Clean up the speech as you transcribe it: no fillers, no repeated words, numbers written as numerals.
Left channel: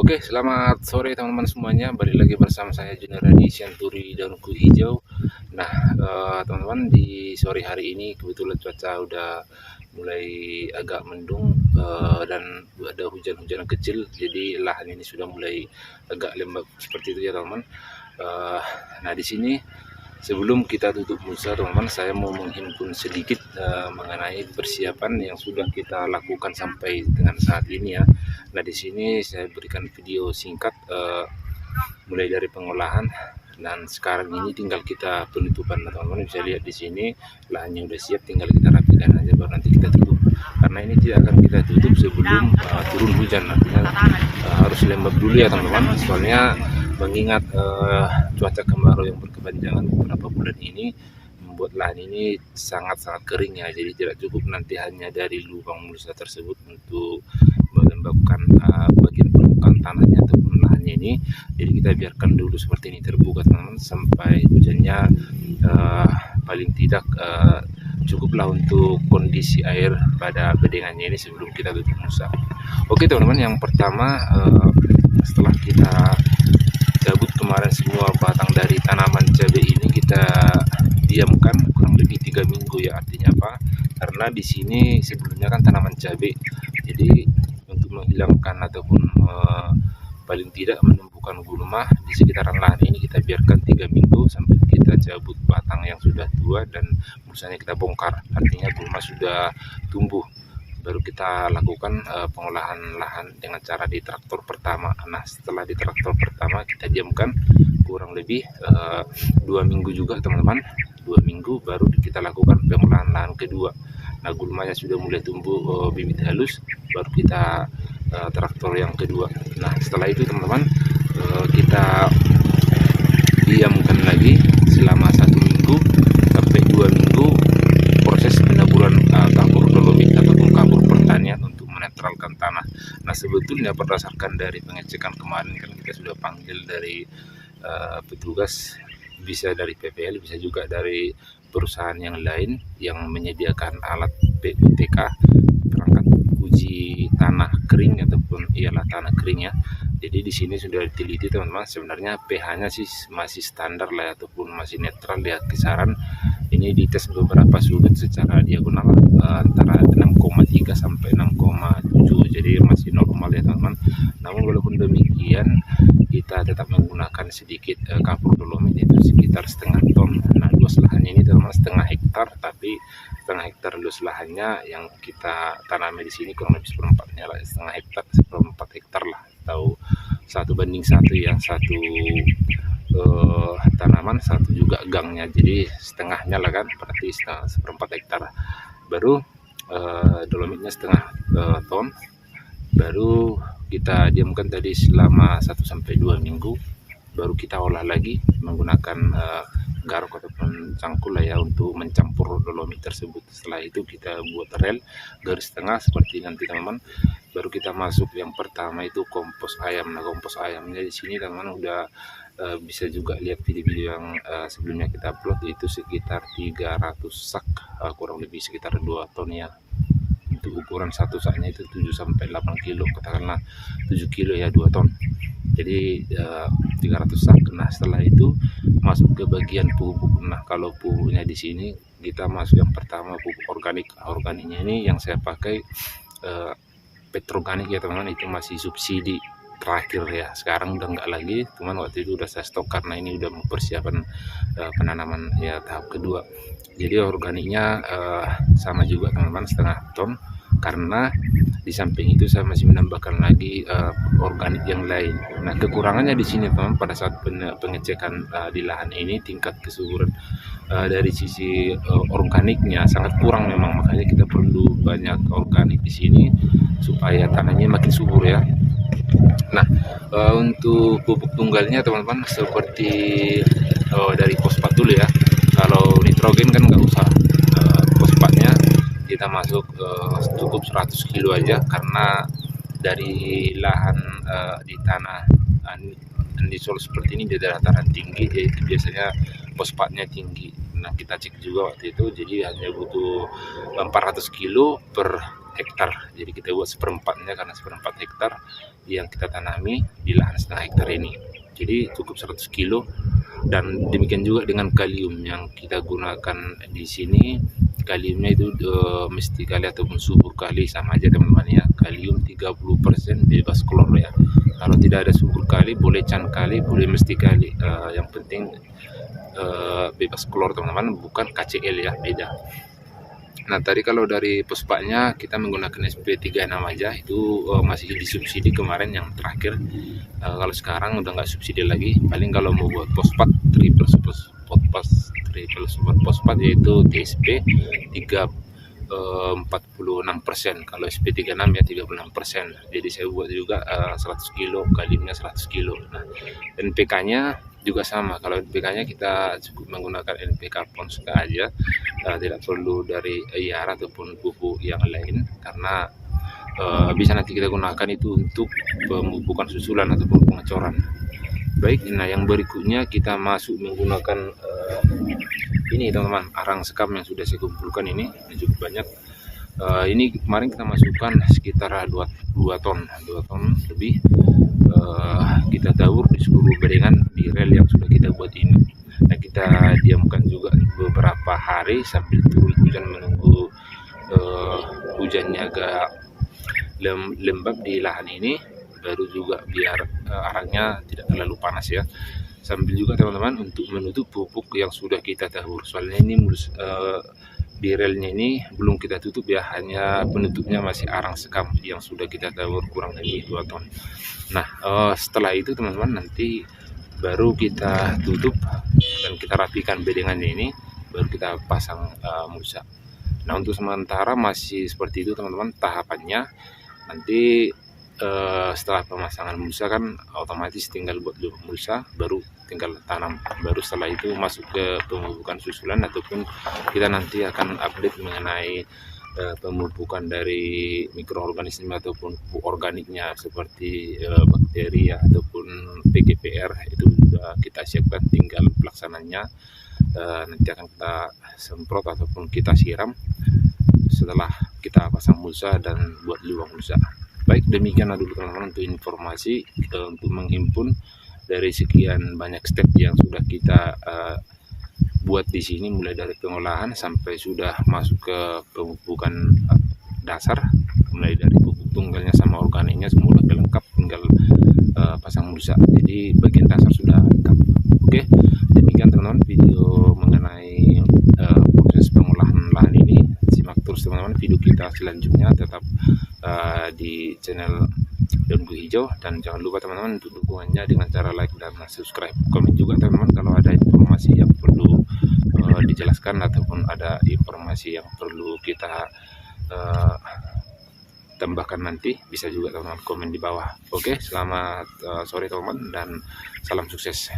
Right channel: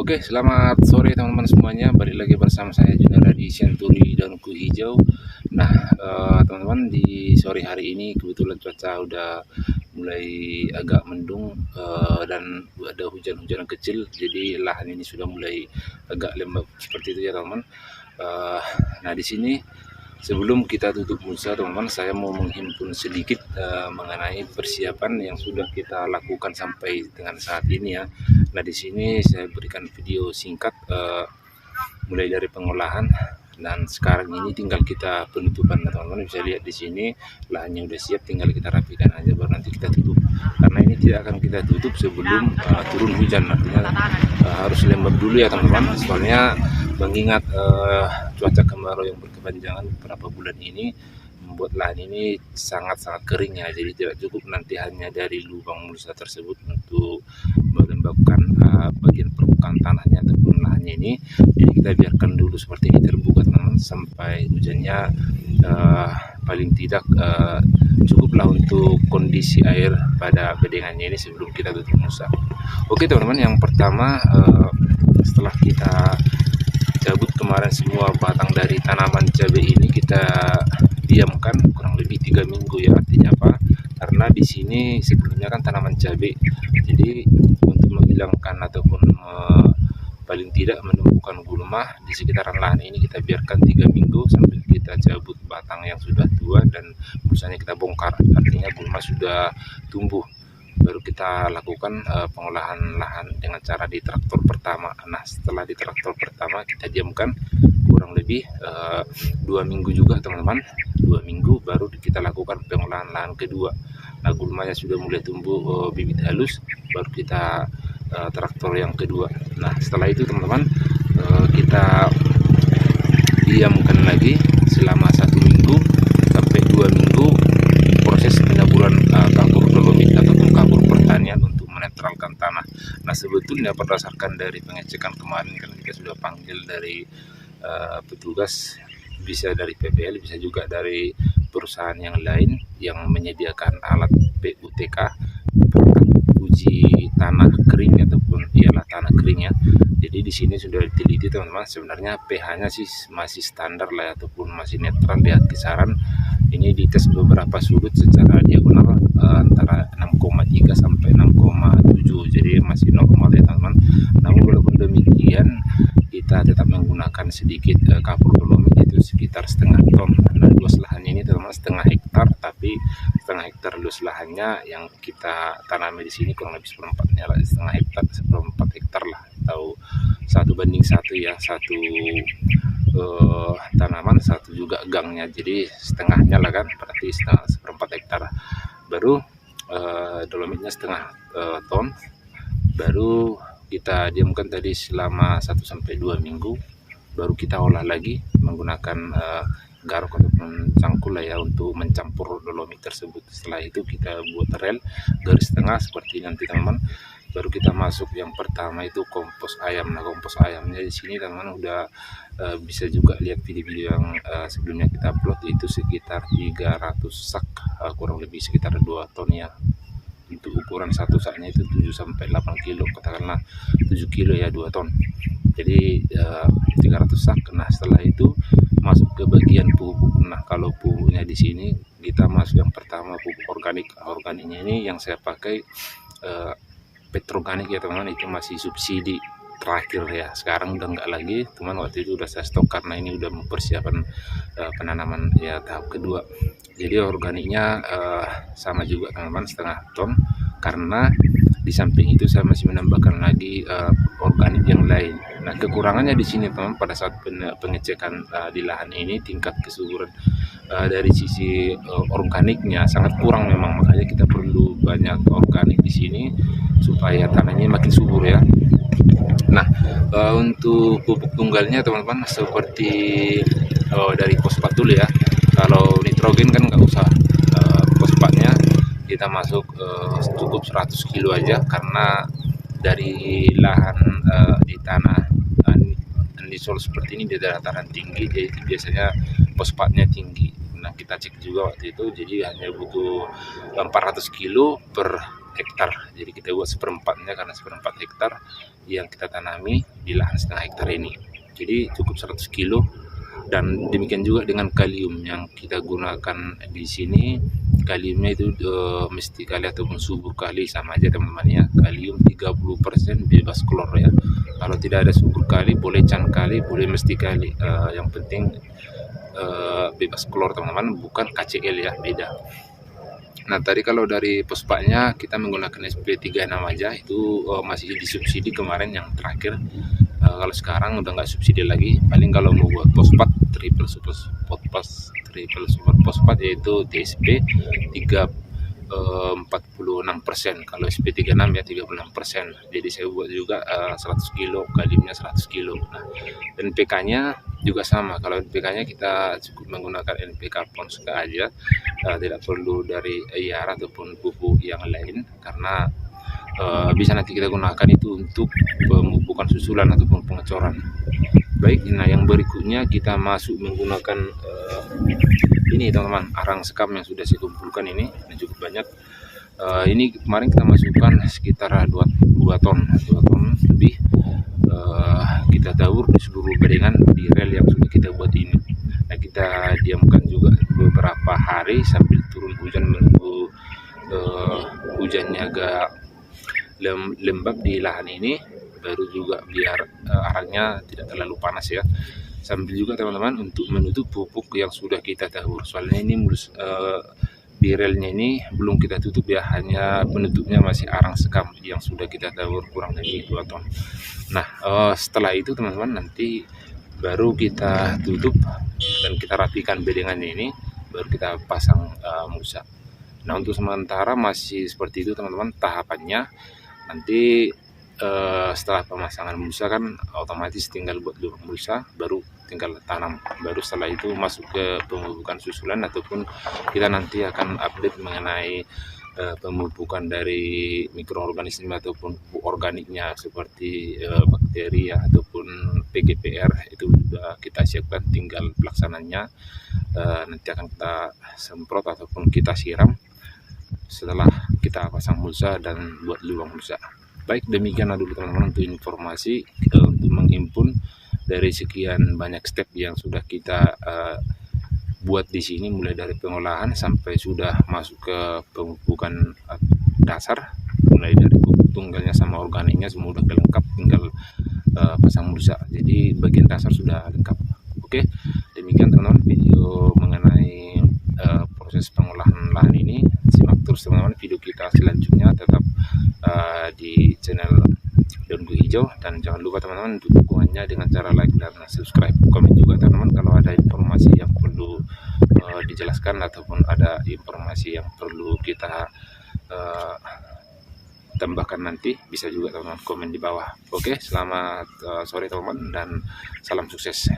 Oke, selamat sore teman-teman semuanya. Balik lagi bersama saya Junara di Senturi Daunku Hijau. Nah, teman-teman, di sore hari ini kebetulan cuaca udah mulai agak mendung, dan ada hujan-hujan kecil. Jadi lahan ini sudah mulai agak lembab seperti itu ya teman-teman. Nah, di sini sebelum kita tutup musa teman-teman, saya mau menghimpun sedikit mengenai persiapan yang sudah kita lakukan sampai dengan saat ini ya. Nah, di sini saya berikan video singkat mulai dari pengolahan dan sekarang ini tinggal kita penutupan. Nah, teman-teman bisa lihat di sini lahannya udah siap, tinggal kita rapikan aja baru nanti kita tutup. Karena ini tidak akan kita tutup sebelum turun hujan, artinya harus lembab dulu ya teman-teman. Soalnya mengingat cuaca kemarau yang berkepanjangan beberapa bulan ini membuat lahan ini sangat-sangat kering ya, jadi tidak cukup nanti hanya dari lubang mulsa tersebut untuk melembabkan bagian permukaan tanahnya ataupun lahannya ini. Jadi kita biarkan dulu seperti ini terbuka teman-teman sampai hujannya paling tidak cukuplah untuk kondisi air pada bedengannya ini sebelum kita tutup musa. Oke teman-teman, yang pertama setelah kita cabut kemarin semua batang dari tanaman cabai ini, kita diamkan kurang lebih 3 minggu ya. Artinya apa? Karena di sini sebelumnya kan tanaman cabai, jadi untuk menghilangkan ataupun paling tidak menumbuhkan gulma di sekitaran lahan ini, kita biarkan 3 minggu sambil kita cabut batang yang sudah tua dan misalnya kita bongkar, artinya gulma sudah tumbuh, baru kita lakukan pengolahan lahan dengan cara di traktor pertama. Nah, setelah di traktor pertama kita diamkan kurang lebih 2 minggu juga teman-teman, 2 minggu baru kita lakukan pengolahan lahan kedua. Nah, gulmanya sudah mulai tumbuh bibit halus, baru kita traktor yang kedua. Nah, setelah itu teman-teman kita diamkan lagi selama 1 minggu sampai 2 minggu proses penaburan kapur dolomit ataupun kapur pertanian untuk menetralkan tanah. Nah, sebetulnya berdasarkan dari pengecekan kemarin kan kita sudah panggil dari petugas, bisa dari PPL, bisa juga dari perusahaan yang lain yang menyediakan alat PUTK, perangkat uji tanah kering ataupun ialah tanah kering ya. Jadi di sini sudah diteliti teman-teman, sebenarnya pH-nya sih masih standar lah ya, ataupun masih netral ya, kisaran ini dites beberapa sudut secara diagonal antara 6,3 sampai 6,7, jadi masih normal ya teman-teman. Namun walaupun demikian kita tetap menggunakan sedikit kapur dolomit, itu sekitar setengah ton. Nah, luas lahannya ini teman-teman setengah hektar, tapi setengah hektar luas lahannya yang kita tanami di sini kurang lebih seperempatnya lah, setengah hektar, seperempat hektar lah, atau 1:1 ya, satu tanaman, satu juga gangnya, jadi setengahnya lah kan, berarti setengah, seperempat hektar. Baru dolomitnya setengah ton, baru kita diamkan tadi selama 1-2 minggu, baru kita olah lagi menggunakan garuk ataupun cangkul lah ya untuk mencampur dolomit tersebut. Setelah itu kita buat rel garis tengah seperti nanti teman-teman, baru kita masuk yang pertama itu kompos ayam. Nah, kompos ayamnya di sini teman-teman udah bisa juga lihat video-video yang sebelumnya kita upload, itu sekitar 300 sak, kurang lebih sekitar 2 ton ya. Untuk ukuran satu saknya itu 7-8 kilo, katakanlah 7 kilo ya, 2 ton. Jadi 300 sak. Nah, setelah itu masuk ke bagian pupuk. Nah, kalau pupuknya di sini kita masuk yang pertama pupuk organik. Organiknya ini yang saya pakai Petroganik ya teman-teman, itu masih subsidi terakhir ya, sekarang udah enggak lagi, cuman waktu itu udah saya stok karena ini udah mempersiapkan penanaman ya tahap kedua. Jadi organiknya sama juga teman-teman, setengah ton, karena di samping itu saya masih menambahkan lagi organik yang lain. Nah, kekurangannya di sini teman, pada saat pengecekan di lahan ini tingkat kesuburan dari sisi organiknya sangat kurang memang, makanya kita perlu banyak organik di sini supaya tanahnya makin subur ya. Nah, untuk pupuk tunggalnya teman-teman seperti dari fosfat dulu ya. Kalau nitrogen kan nggak usah, fosfatnya kita masuk cukup 100 kilo aja, karena dari lahan di tanah anisol seperti ini di dataran tinggi, jadi biasanya fosfatnya tinggi. Nah, kita cek juga waktu itu, jadi hanya butuh 400 kilo per hektar. Jadi kita buat seperempatnya karena seperempat hektar yang kita tanami di lahan setengah hektar ini. Jadi cukup 100 kilo. Dan demikian juga dengan kalium yang kita gunakan di sini. Kaliumnya itu mesti kali ataupun subur kali, sama aja teman-teman ya. Kalium 30% bebas klor ya. Kalau tidak ada subur kali boleh can kali, boleh mesti kali. Yang penting bebas klor teman-teman, bukan KCl ya, beda. Nah tadi kalau dari pospaknya kita menggunakan SP36 aja, itu masih disubsidi kemarin yang terakhir. Kalau sekarang udah nggak subsidi lagi. Paling kalau mau buat fosfat triple super fosfat yaitu TSP 46%, kalau SP36 ya 36%. Jadi saya buat juga 100 kilo, kaliumnya 100 kilo. Nah NPK-nya juga sama. Kalau NPK-nya kita cukup menggunakan NPK Ponska aja, tidak perlu dari IAR ataupun pupuk yang lain, karena bisa nanti kita gunakan itu untuk pemupukan susulan ataupun pengecoran. Baik, nah yang berikutnya kita masuk menggunakan ini teman-teman, arang sekam yang sudah saya kumpulkan ini cukup banyak. Ini kemarin kita masukkan sekitar 2 ton lebih. Kita tabur di seluruh bedengan di rel yang sudah kita buat ini. Nah kita diamkan juga beberapa hari sambil turun hujan, menunggu hujannya agak lembab di lahan ini, baru juga biar arangnya tidak terlalu panas ya. Sambil juga teman-teman untuk menutup pupuk yang sudah kita tabur, soalnya ini di relnya ini belum kita tutup ya, hanya penutupnya masih arang sekam yang sudah kita tabur kurang lebih 2 ton. Nah setelah itu teman-teman nanti baru kita tutup dan kita rapikan bedengannya ini, baru kita pasang mulsa. Nah untuk sementara masih seperti itu teman-teman tahapannya. Nanti setelah pemasangan mulsa kan otomatis tinggal buat lubang mulsa, baru tinggal tanam. Baru setelah itu masuk ke pemupukan susulan, ataupun kita nanti akan update mengenai pemupukan dari mikroorganisme ataupun pupuk organiknya seperti bakteri ya, ataupun PGPR. Itu sudah kita siapkan, tinggal pelaksananya nanti akan kita semprot ataupun kita siram setelah kita pasang mulsa dan buat lubang mulsa. Baik, demikian dulu teman-teman untuk informasi untuk menghimpun dari sekian banyak step yang sudah kita buat di sini, mulai dari pengolahan sampai sudah masuk ke pemupukan dasar, mulai dari pupuk tunggalnya sama organiknya semua udah lengkap, tinggal pasang mulsa. Jadi bagian dasar sudah lengkap. Oke, demikian teman-teman video mengenai proses pengolahan lahan ini. Simak terus teman-teman video kita selanjutnya, tetap di channel Daun Kuy Hijau, dan jangan lupa teman-teman untuk dukungannya dengan cara like dan subscribe. Komen juga teman-teman kalau ada informasi yang perlu dijelaskan ataupun ada informasi yang perlu kita tambahkan nanti, bisa juga teman-teman komen di bawah. Oke, selamat sore teman-teman dan salam sukses.